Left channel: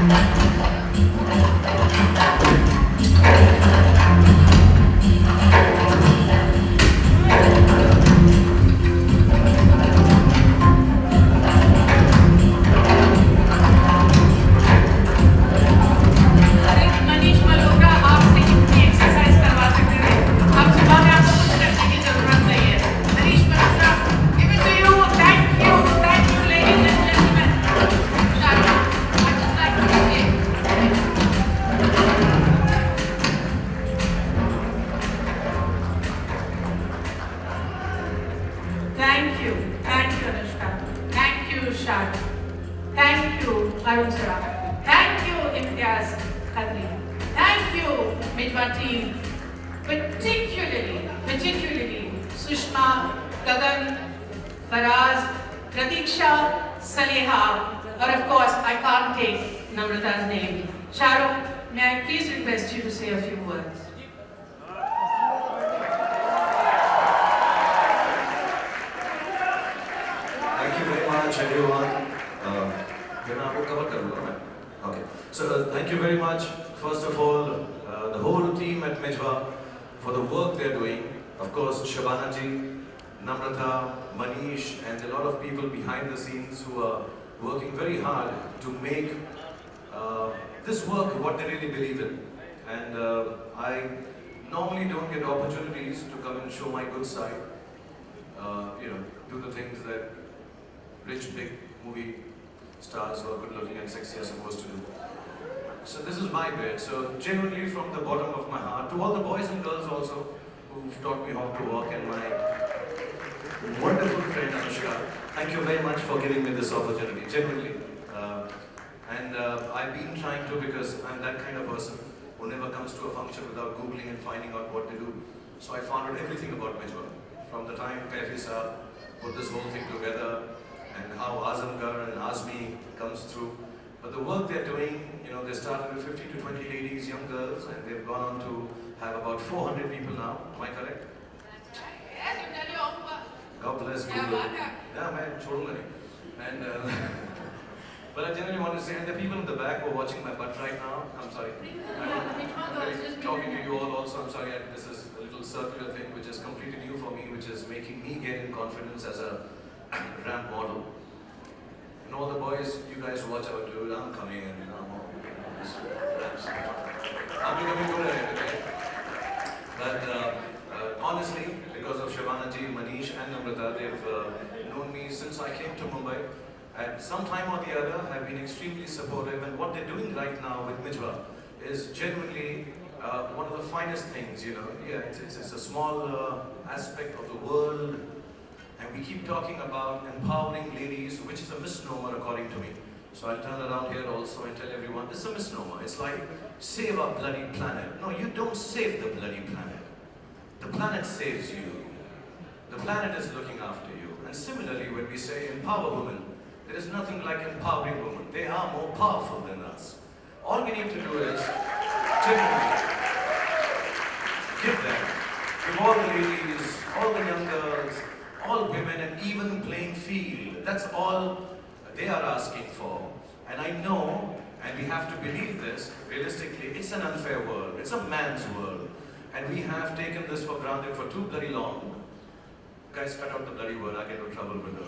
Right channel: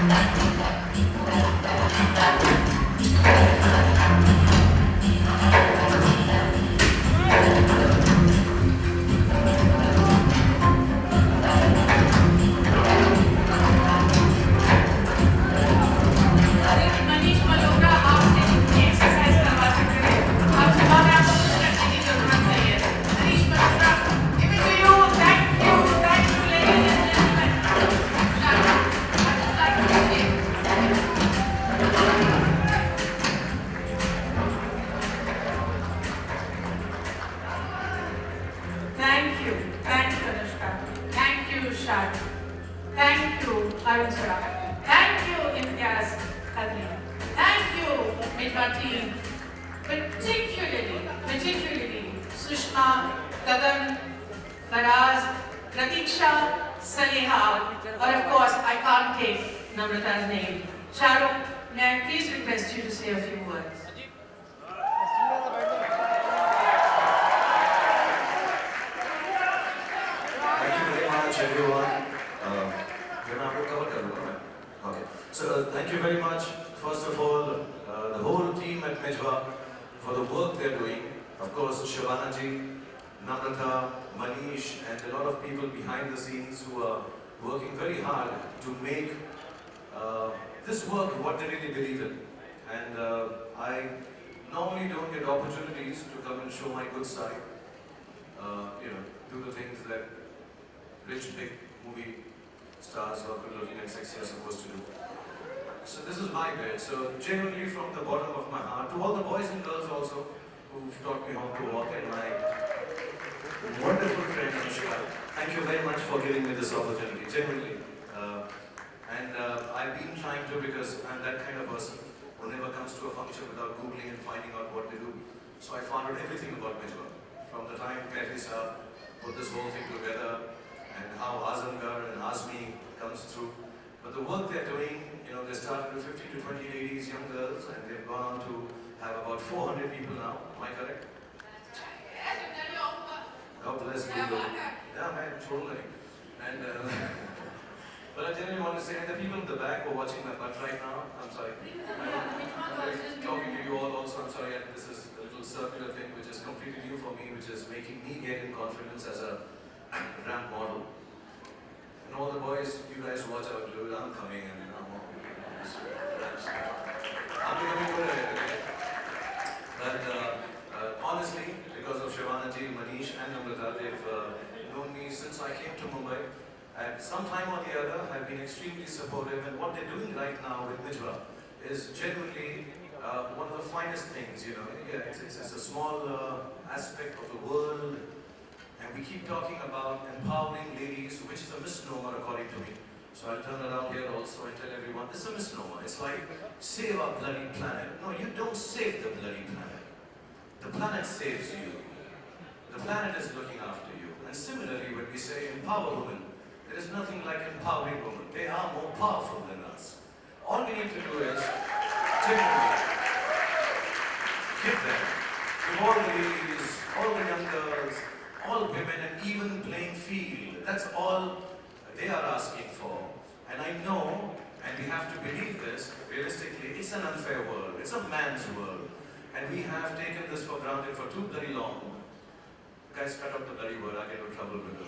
मनीष मल्होत्रा आपसे कितनी एक्सरसाइज करवा सकते थे? अब सुबह में आपको कुछ करने की जरूरत नहीं है। Manish Malhotra, give it to you. Thank you, ladies and gentlemen. Shah, I'd just like to say, thank you, Anushka. Thank you, Shah. Thank you, Arun Sarak. Thank you, Imtiaz Qadri. Thank you, Midwa team. Particularly, Sushma, Gagan, Faraz, Pratiksha, Saleha, or of course, I can't take Namrata's name. Shahrukh, may I please request you to say a few words? Thank you very much, everyone. Okay. So, thank you very much, first of all, the whole team at Mijwa for the work they're doing. Of course, Shabana ji, Namrata, Manish, and a lot of people behind the scenes who are working very hard to make this work what they really believe in. And I normally don't get opportunities to come and show my good side. Do the things that rich, big movie stars who are good looking and sexy are supposed to do. So this is my bit. So genuinely from the bottom of my heart, to all the boys and girls also who've taught me how to walk, and my wonderful friend Anushka, thank you very much for giving me this opportunity, genuinely. I've been trying to, because I'm that kind of person who never comes to a function without googling and finding out what they do. So I found out everything about Mijwa. From the time Kaifi Saab put this whole thing together, and how Azamgar and Azmi comes through. But the work they're doing, they started with 15 to 20 ladies, young girls, and they've gone on to have about 400 people now. Am I correct? Yes, you tell your own work. God bless Google. Yeah, man, totally. And but I generally want to say, and the people in the back who are watching my butt right now, I'm sorry. I'm talking to you all also, I'm sorry, this is a little circular thing which is completely new for me, which is making me gain confidence as a ramp model. And all the boys, you guys watch out, dude, I'm coming in. I'm becoming good at it, okay? But honestly, because of Shabana ji, Manish and Namrata, they've known me since I came to Mumbai. At some time or the other, have been extremely supportive, and what they're doing right now with Mijwa is genuinely one of the finest things, Yeah, it's a small aspect of the world, and we keep talking about empowering ladies, which is a misnomer according to me. So I'll turn around here also and tell everyone, this is a misnomer. It's like, save our bloody planet. No, you don't save the bloody planet. The planet saves you. The planet is looking after you. And similarly, when we say empower women, there is nothing like empowering women. They are more powerful than us. All we need to do is genuinely give them, give all the ladies, all the young girls, all women an even playing field. That's all they are asking for. And I know, and we have to believe this, realistically, it's an unfair world. It's a man's world. And we have taken this for granted for too bloody long. Guys, cut out the bloody word, I get into trouble with the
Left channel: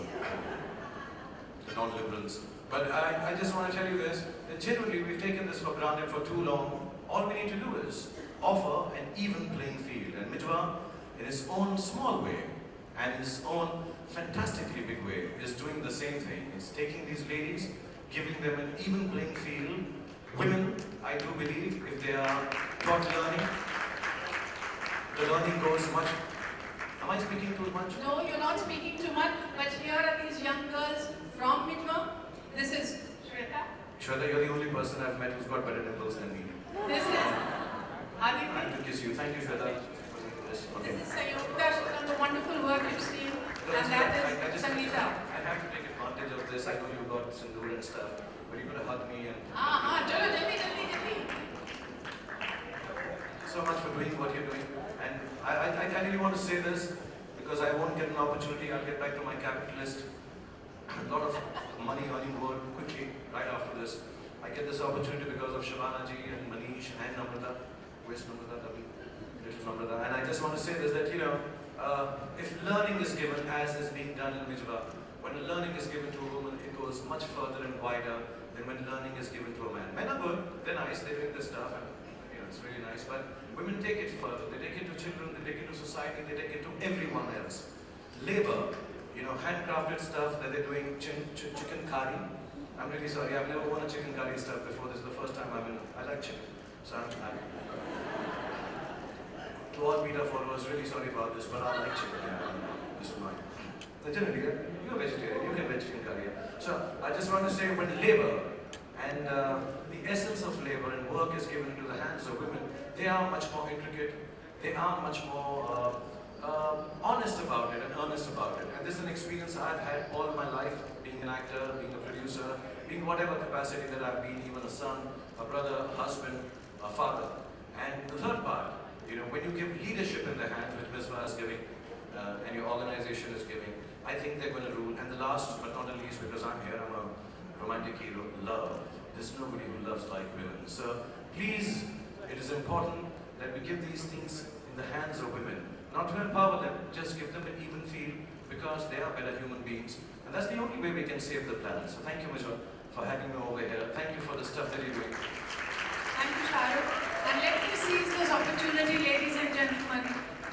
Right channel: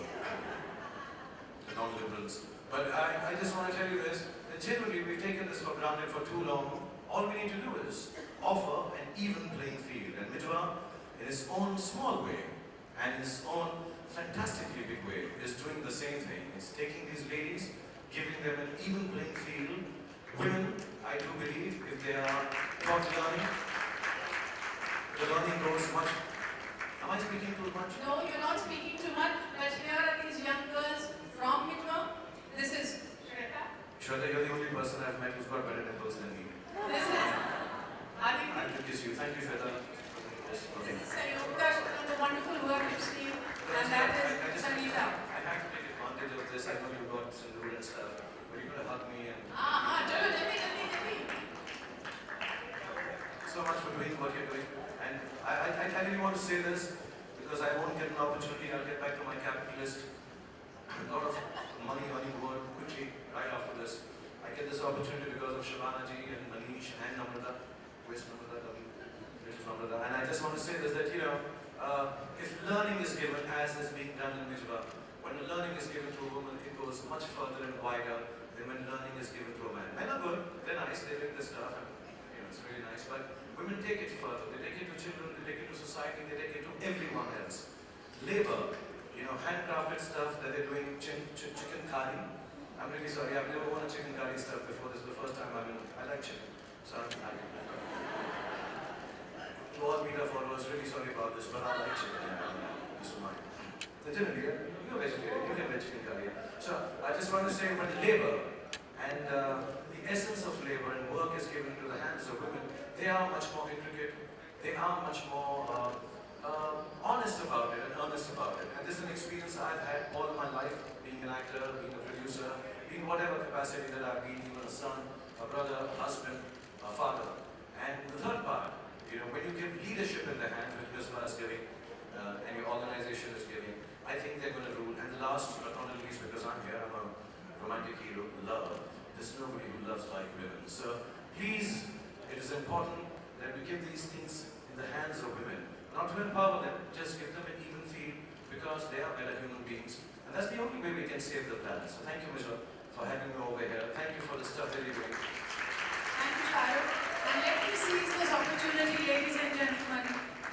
non-liberals. But I just want to tell you this, that genuinely we've taken this for granted for too long. All we need to do is offer an even playing field. And Mijwa, in its own small way, and in its own fantastically big way, is doing the same thing. It's taking these ladies, giving them an even playing field. Women, I do believe, if they are taught learning, the learning goes much. Am I speaking too much? No, you're not speaking too much, but here are these young girls from Mijwa. This is Shweta. Shweta, you're the only person I've met who's got better nipples than me. This is Aditi. I have to kiss you. Thank you, Shweta. Okay. This is Sayukta on the wonderful work you've seen. And that is Sangeeta. I have to take advantage of this. I know you got sindoor and stuff, but you're going to hug me and... Chalo, jaldi. So much for doing what you're doing. And I really want to say this, because I won't get an opportunity. I'll get back to my capitalist. A lot of money on your word quickly, right after this. I get this opportunity because of Shabana ji and Manish and Namrata. Where's Namrata? Little Namrata. And I just want to say this, that if learning is given as is being done in Mijwa, when learning is given to a woman, it goes much further and wider than when learning is given to a man. Men are good, they're nice, they bring this stuff, and it's really nice. But women take it further. They take it to children, they take it to society, they take it to everyone else. Labor, handcrafted stuff that they're doing, chicken curry. I'm really sorry, I've never worn a chicken curry stuff before. This is the first time I like chicken. So I'm to all media followers, really sorry about this, but I like chicken. This is mine. Generally, you're vegetarian, you can make chicken curry. So I just want to say, when labor and the essence of labor and work is given into the hands of women, they are much more intricate, they are much more honest about it and earnest about it. And this is an experience I've had all my life, being an actor, being a producer, being whatever capacity that I've been, even a son, a brother, a husband, a father. And the third part, when you give leadership in the hands, which Misbah is giving, and your organization is giving, I think they're going to rule. And the last but not the least, because I'm here, I'm a romantic hero, love. There's nobody who loves like women. So please, it is important that we give these things in the hands of women. Not to empower them, just give them an even feel, because they are better human beings. And that's the only way we can save the planet. So thank you, Mijwa, for having me over here. Thank you for the stuff that you're doing. Thank you, Shahrukh. And let me seize this opportunity, ladies and gentlemen,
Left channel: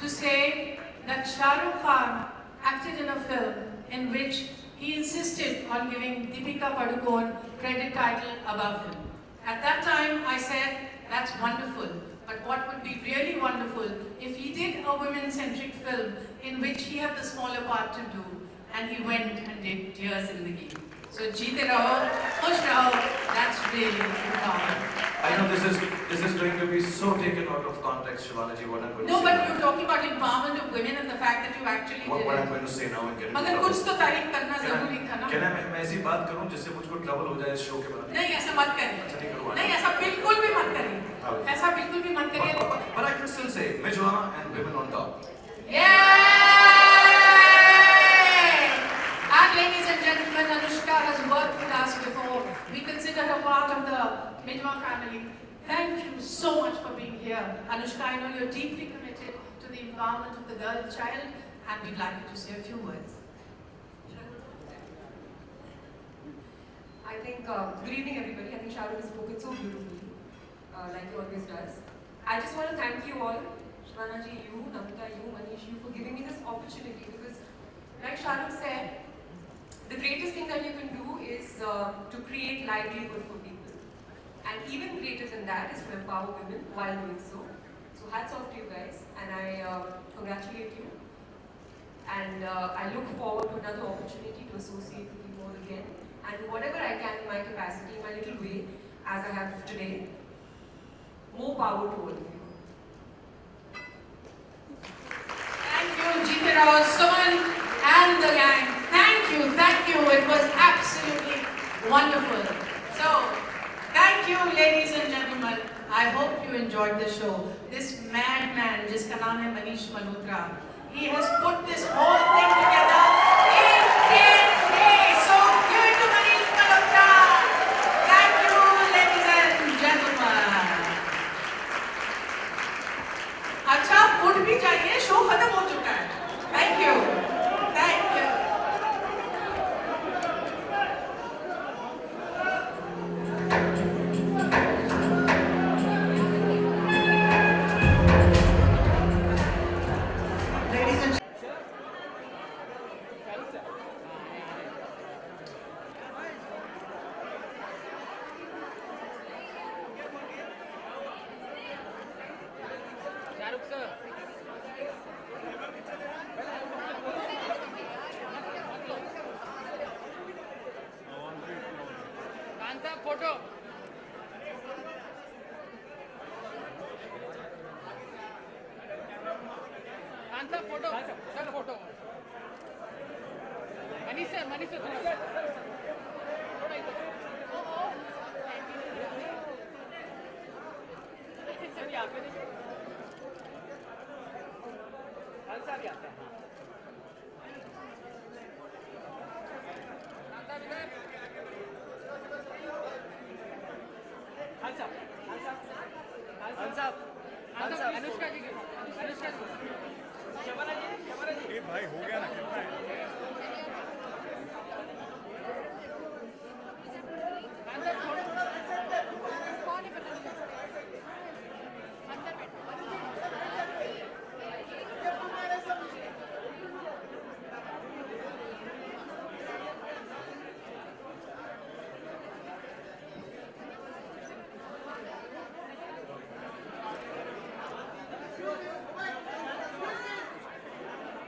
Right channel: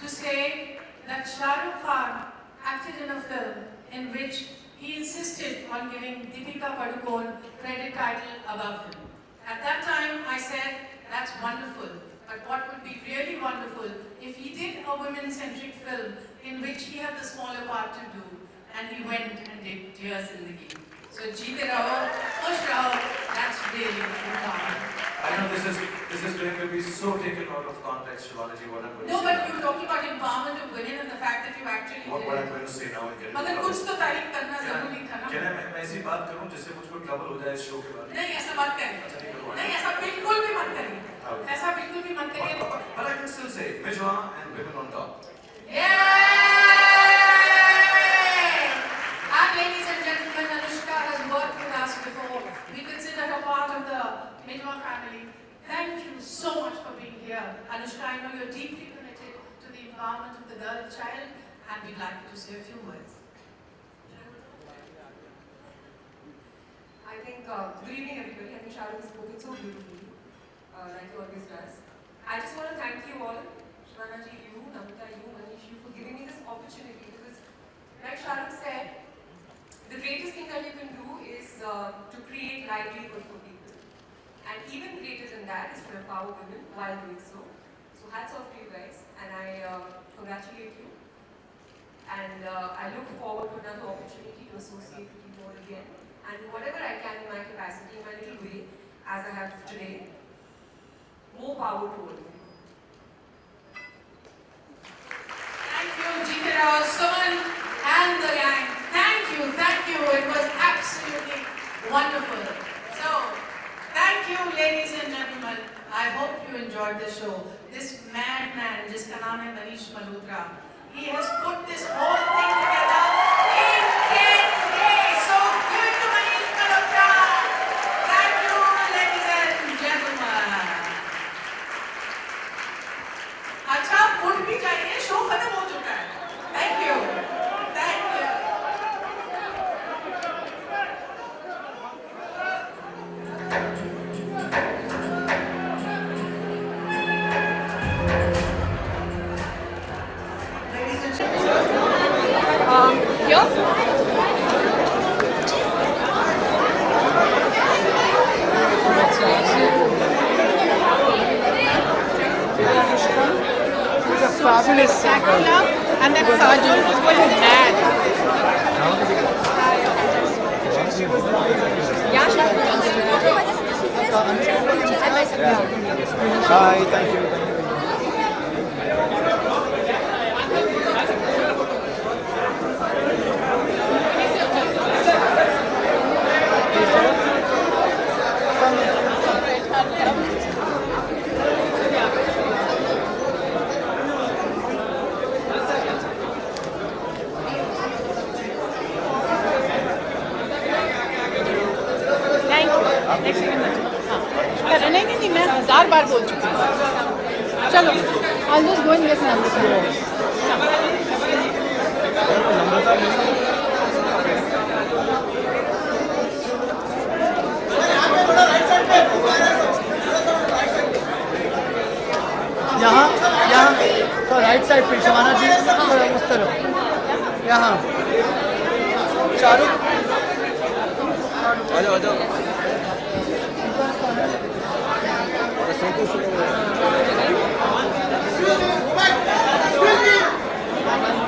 to say that Shahrukh Khan acted in a film in which he insisted on giving Deepika Padukone credit title above him. At that time, I said, that's wonderful. But what would be really wonderful if he did a women-centric film in which he had the smaller part to do, and he went and did Dear Zindagi. So Jeete Raho, Khush Raho, that's really important. I know this is going to be so taken out of context, Shabanaji, what I'm going to say. No, but you're talking about empowerment of women and the fact that you actually what did I'm it. going to say now and get it. मगर कुछ तो तारीफ करना जरूरी था ना। क्या मैं ऐसी बात करूं जिससे मुझको ट्रबल हो जाए इस शो के बाद? नहीं ऐसा मत करिए। नहीं ऐसा बिल्कुल भी मत करिए। ऐसा बिल्कुल भी मत करिए। But I can still say Mijwa and women on top. Yay! And ladies and gentlemen, Anushka has worked with us before. We consider her part of the Mijwa family. Thank you so much for being here. Anushka, I know you're deeply committed to the empowerment of the girl and child, and we'd like you to say a few words. I think, good evening everybody. I think Shahrukh has spoken so beautifully, like he always does. I just want to thank you all, Shabana ji, you, Namrata, you, Manish, you, for giving me this opportunity, because like Shahrukh said, the greatest thing that you can do is to create livelihood for people. And even greater than that is to empower women while doing so. So hats off to you guys, and I congratulate you. And I look forward to another opportunity to associate with you all again, and do whatever I can in my capacity, in my little way, as I have today. More power to all of you. Thank you, Jeete Rao, Suman, and the gang. Thank you, thank you. It was absolutely wonderful. So, thank you, ladies and gentlemen. I hope you enjoyed the show. This madman, jiska naam hai Manish Malhotra, he has put this whole thing together in 10 days. So, give it to Manish Malhotra. Thank you, ladies and gentlemen. अच्छा, उठ भी जाइए, show खत्म हो चुका है. Thank you. Thank you. Ladies and fabulous singer. And that Kajol was going mad. Hi, thank you. Thank you. Thank you very much. नहीं नहीं नहीं, मैं 1000 बार बोल चुकी हूँ। चलो, I'll just go and get Namrata. यहाँ यहाँ तो राइट साइड पे शबाना जी थोड़ा उस तरफ यहाँ शाहरुख आ जाओ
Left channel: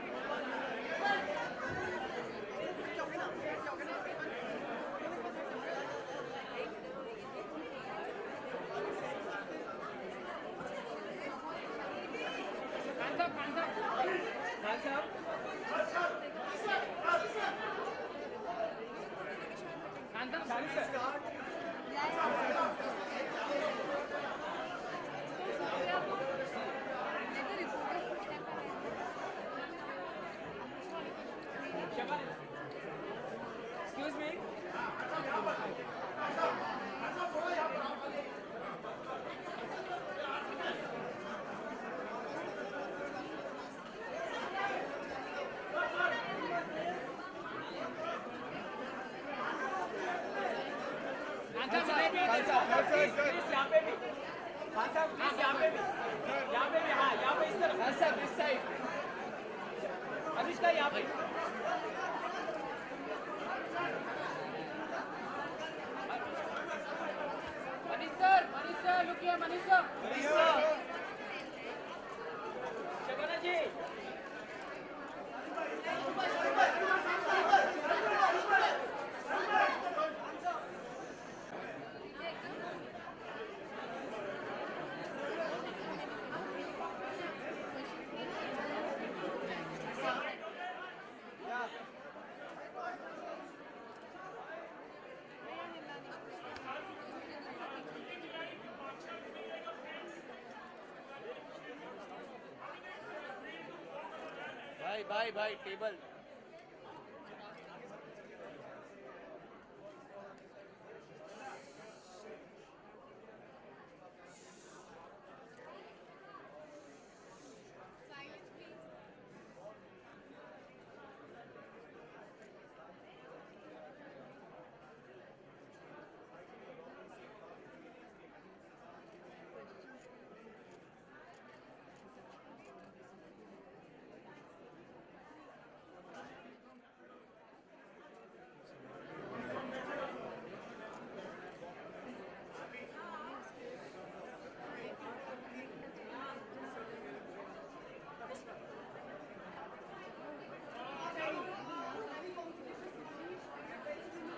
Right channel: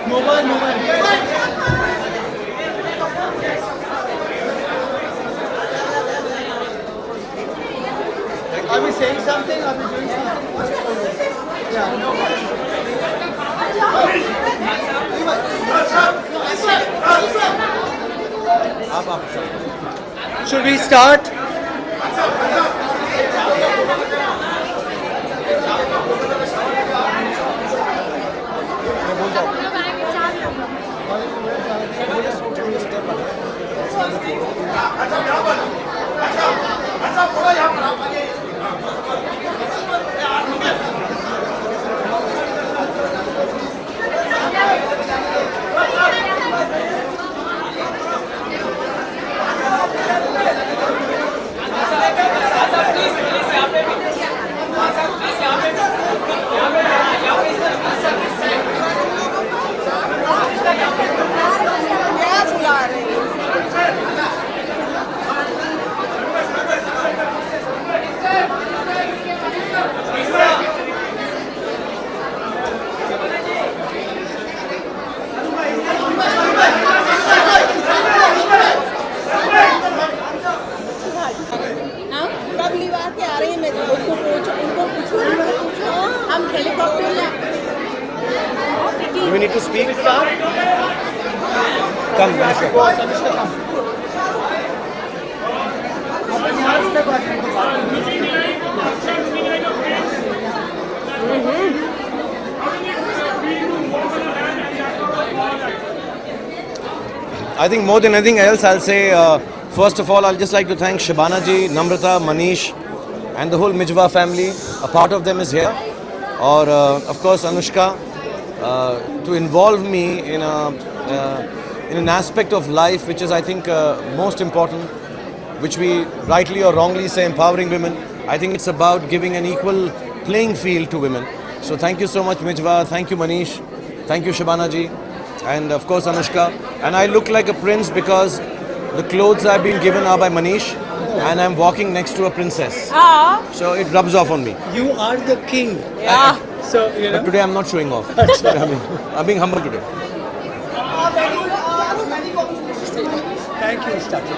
mobile Are we saying something? Are we doing something? Yeah. Should we start? कब लिवा के आ रही है, मैं उनको पूछो हम हेलीकॉप्टर में। Do we need to speak? Come, Anushka. Anushka, come. I think more than anything else, I'll say, first of all, I'll just like to thank Shabana ji, Namrata, Manish, and the whole Mijwa family. A part of them is here. Or, of course, Anushka, to involve me in an aspect of life which is, I think, most important, which we rightly or wrongly say empowering women. I think it's about giving an equal playing field to women. So thank you so much, Mijwa. Thank you, Manish. Thank you, Shabana ji. And of course, Anushka. And I look like a prince because the clothes I've been given are by Manish, and I'm walking next to a princess. So it rubs off on me. You are the king. Yeah. So, you know. But today I'm not showing off. I'm being humble today. Thank you, Stati.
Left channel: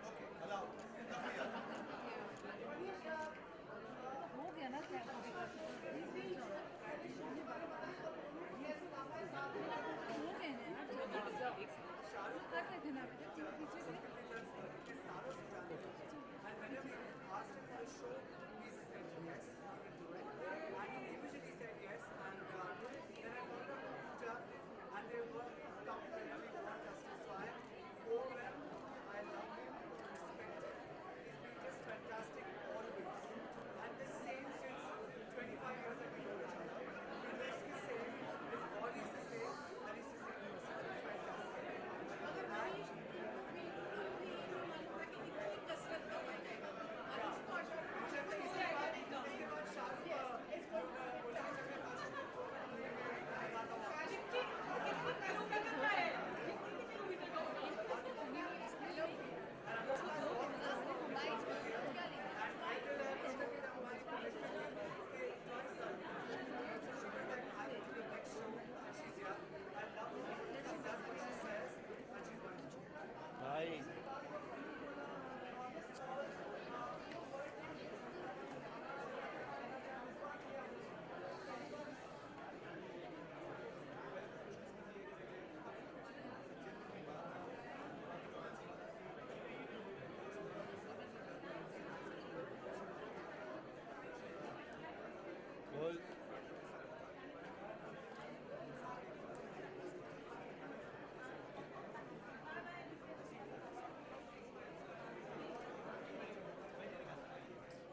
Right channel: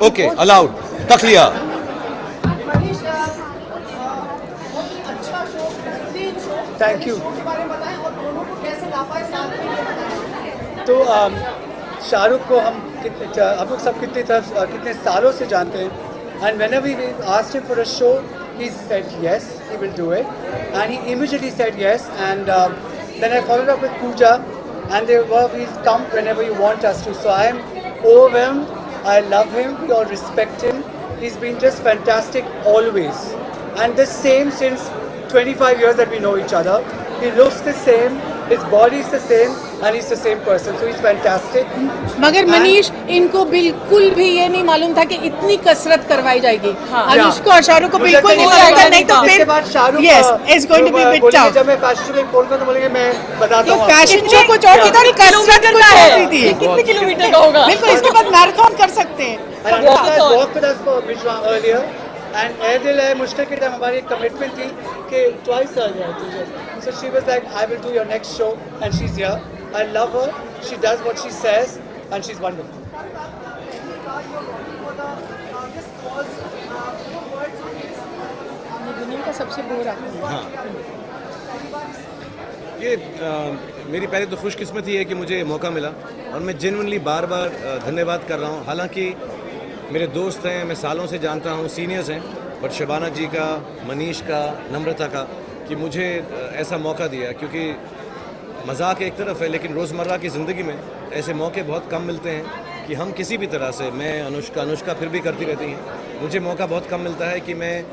Okay, allowed. Takliya. Thank you. तो शाहरुख को हम लोग सब कितने सालों से जानते हैं, and whenever we asked him for a show, he said yes, he will do it, and he immediately said yes. And then I followed up with Pooja, and we come whenever you want us to. So I am overwhelmed. I love him. We all respect him. He's been just fantastic always, and the same since 25 years that we know each other. He looks the same, his body is the same, and he's the same person. So he's fantastic. मगर मनीष, इनको बिल्कुल भी ये नहीं मालूम था कि इतनी कसरत करवाई जाएगी। अनुष्का और शाहरुख को बिल्कुल नहीं मालूम था, नहीं तो इसके बाद Shahrukh yes, it's going to be a bit tough. जब मैं फैशन शो में फोन करूँ तो बोलेंगे मैं बताता हूँ। फैशन शो कुछ और किधर कसरत कुछ होती थी। कितने किलोमीटर का होगा? बिल्कुल, इसके बाद मैराथन कर सकते हैं। And Anushka has walked with us for Mijwa earlier, and Air है मुश्किल के टाइम हमारी एक कमिटमेंट थी कि twice earlier. So she was like, I will do your next show, and she's here. I love her. She does what she says, and she's wonderful. दुनिया का सबसे बोर आदमी। हाँ। ये मेरी पहले तो खुशकिस्मती है कि मुझे मौका मिला, और मैं जेन्युइनली बार बार धन्यवाद कर रहा हूँ। हालांकि मेरे दोस्त हैं, मैं सालों से जानता हूँ, सीनियर्स हैं, बट शबाना जी का, मनीष का, नम्रता का, कि मुझे ऐसा मौका दिया, क्योंकि मजाक एक तरफ है, लेकिन रोज़मर्रा की ज़िंदगी में ऐसे मौके बहुत कम मिलते हैं कि हम किसी भी तरह से, मैं अनुष्का फिर भी करती रहती हैं, मुझे मौका बहुत कम मिलता है कि मैं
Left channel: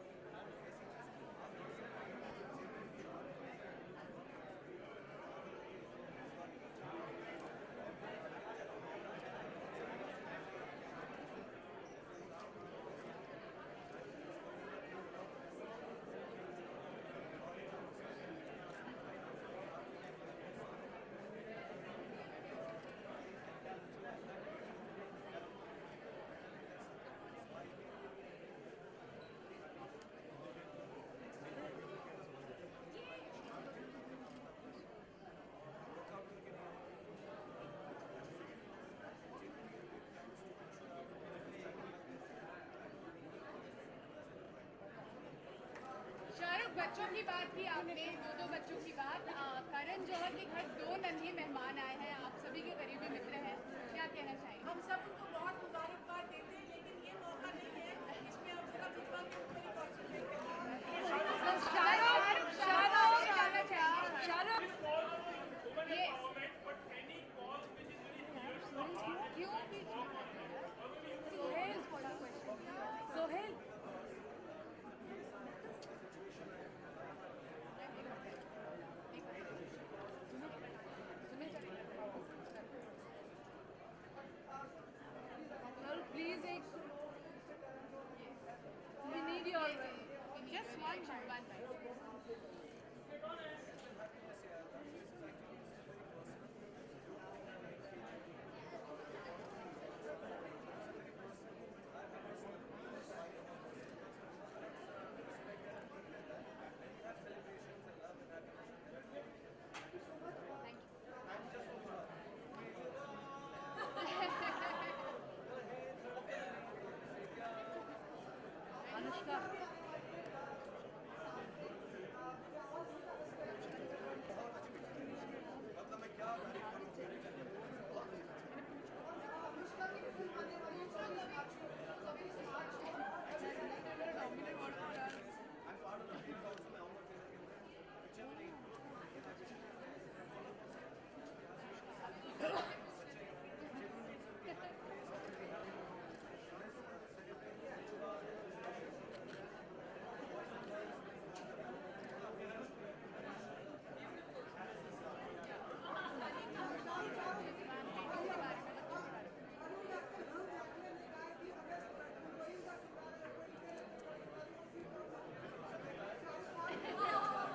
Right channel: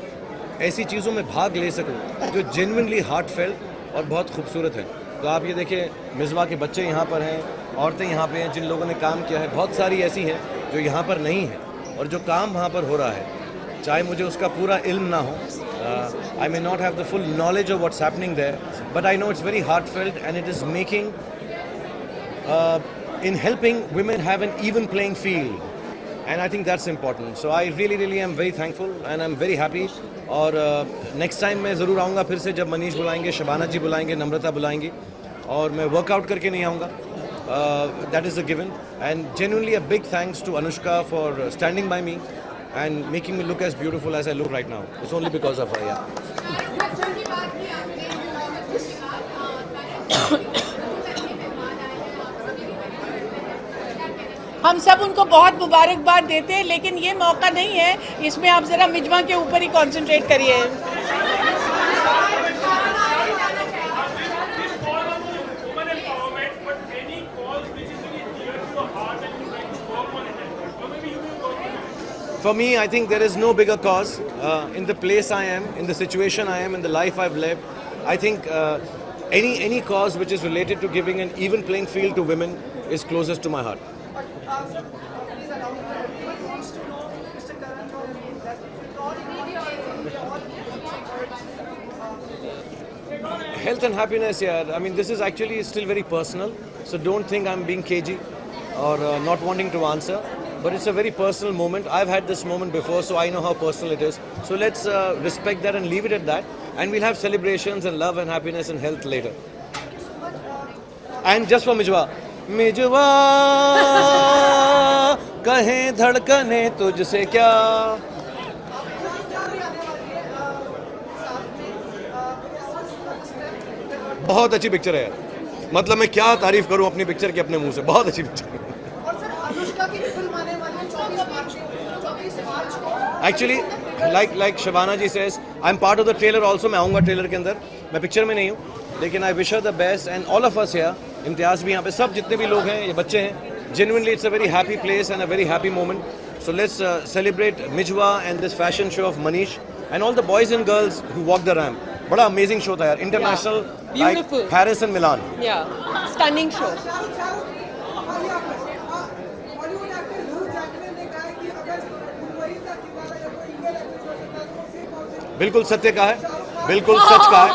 ऐसी चीज़ों में भाग ले सकूं जो जेन्युइनली हार्टफेल्ट और बहुत खूबसूरत है। तो आप ये देखिए, मिज़वा के बच्चे यहाँ पर हैं, औरतें यहाँ पे हैं जिन लोगों ने काम किया है, बहुत सारी ऐसी हैं जो यहाँ पर नहीं हैं, और जो काम वहाँ पर हो रहा है, चाहे मुझे उसका पूरा इल्म ना हो, I may not have the full knowledge of what's happening there, but I know it's very heartfelt and it is making, in helping women have an even playing field, and I think that's important. So I really am very thankful and I'm very happy. और next time मैं ज़रूर आऊँगा फिर से, जब मनीष बुलाएंगे, शबाना जी बुलाएंगे, नम्रता बुलाएंगी, और मैं वर्कआउट करके नहीं आऊँगा. That is a given, and genuinely a big thanks to Anushka for standing by me and making me look as beautiful as I look right now. It's only because of her, yeah. हम सब उनको बहुत मुबारकबाद देते हैं, लेकिन ये मौका नहीं है, इसमें आप ज़रा मिजवा के ऊपर ही कंसंट्रेट करिए. For me, I think there is no bigger cause. In the place I am, in the situation I am, in the life I've lived, I think any cause which is related to giving an even playing field to women is closest to my heart. Health and happiness, yeah. I mean, this is actually still very personal, so don't think I'm being cagey or not wanting to answer. But it's a very personal moment. I've had this moment before, so I know how personal it is. So let's respect that and leave it at that. And we'll have celebrations and love and happiness and health later. And just for Mijwa. Mijwa, kahe dhadkane tujhse kya? बहुत अच्छी picture है यार. मतलब मैं क्या तारीफ करूं अपनी पिक्चर की अपने मुंह से. बहुत अच्छी पिक्चर है. Actually, like Shabana ji says, I'm part of the trailer also. मैं आऊँगा ट्रेलर के अंदर. मैं पिक्चर में नहीं हूँ, लेकिन I wish her the best and all of us here. इम्तियाज़ भी यहाँ पे, सब जितने भी लोग हैं, ये बच्चे हैं. Genuinely, it's a very happy place and a very happy moment. So let's celebrate Mijwa and this fashion show of Manish and all the boys and girls who walk the ramp. बड़ा amazing show था यार. International, like Paris and Milan. Yeah, stunning show. बिल्कुल सत्य का है, बिल्कुल सच का है,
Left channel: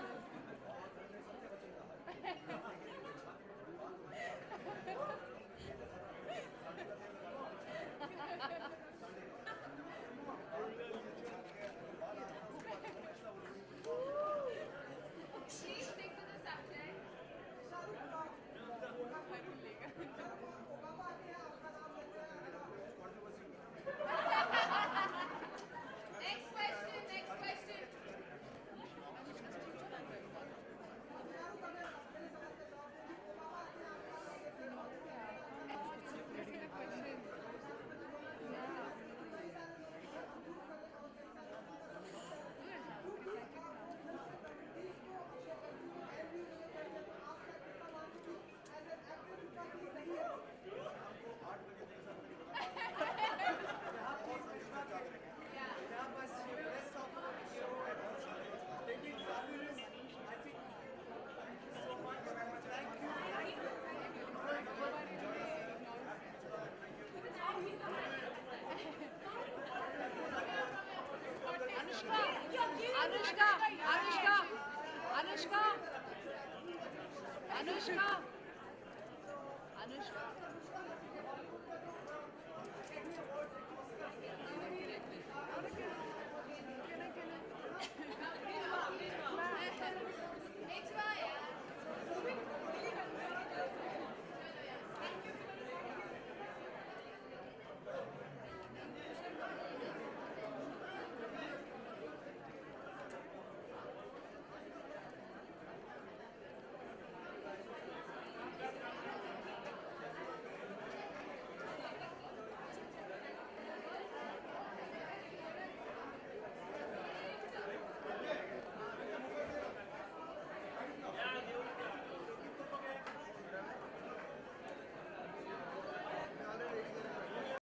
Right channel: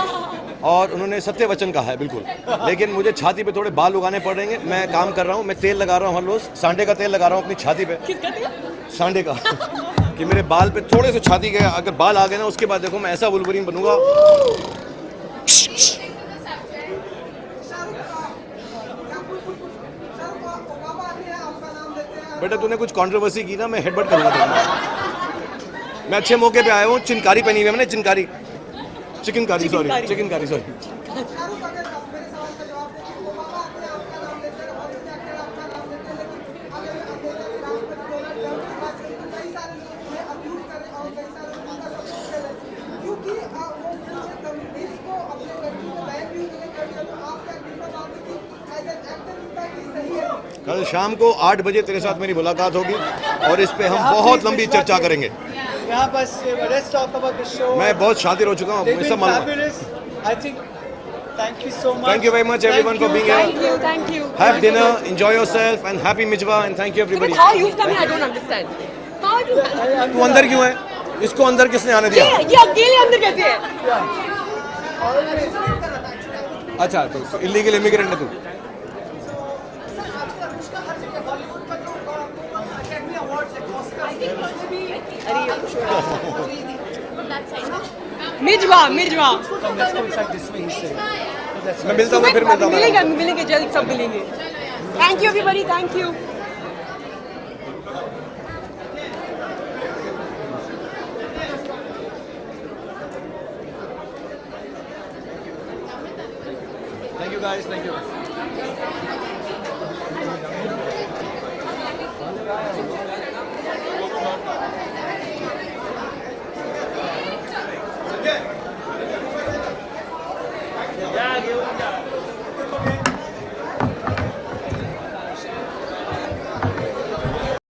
और उन्होंने सत्य वचन कहा है बिल्कुल. लेकिन मुझे छाती पे थोड़े बाल उगाने पड़ेंगे. मैं काम कर रहा हूँ, मैं तेल लगा रहा हूँ हर रोज. सांडे का तेल लगा रहा हूँ अपनी छाती पे. सांडे का कि मेरे बाल पे थोड़े से छाती के अगर बाल आ गए ना, उसके बाद देखो मैं ऐसा वुल्वरीन बनूंगा. बेटा तूने कुछ कंट्रोवर्सी की ना, मैं हेडबट करूंगा. मैं अच्छे मौके पे आया हूँ. चिनकारी पहनी हुई है मैंने, चिनकारी, चिकन कारी, सॉरी. कल शाम को 8 बजे तेरे साथ मेरी मुलाकात होगी और इस पे हम बहुत लंबी चर्चा करेंगे. यहाँ बस let's talk about the show. मैं बहुत शातिर हो चुका हूँ. They've been fabulous. I think. Thank you so much. Thank you very much everyone for being here. Thank you. Have dinner, enjoy yourself, and happy Mijwa, and thank you everybody. How you've come here, I don't understand. How you? तू अंदर क्यों है? इसको अंदर किसने आने दिया? ये अकेले अंदर कैसे है? अच्छा, तो इलीगल इमिग्रेंट है तू. Mijwan. Let's go inside this way. मैं मिलता हूँ, फिर मिलता हूँ. मिलेंगे जल्द, सब मिलेंगे. Thank you everybody, thank you. Thank you guys, thank you.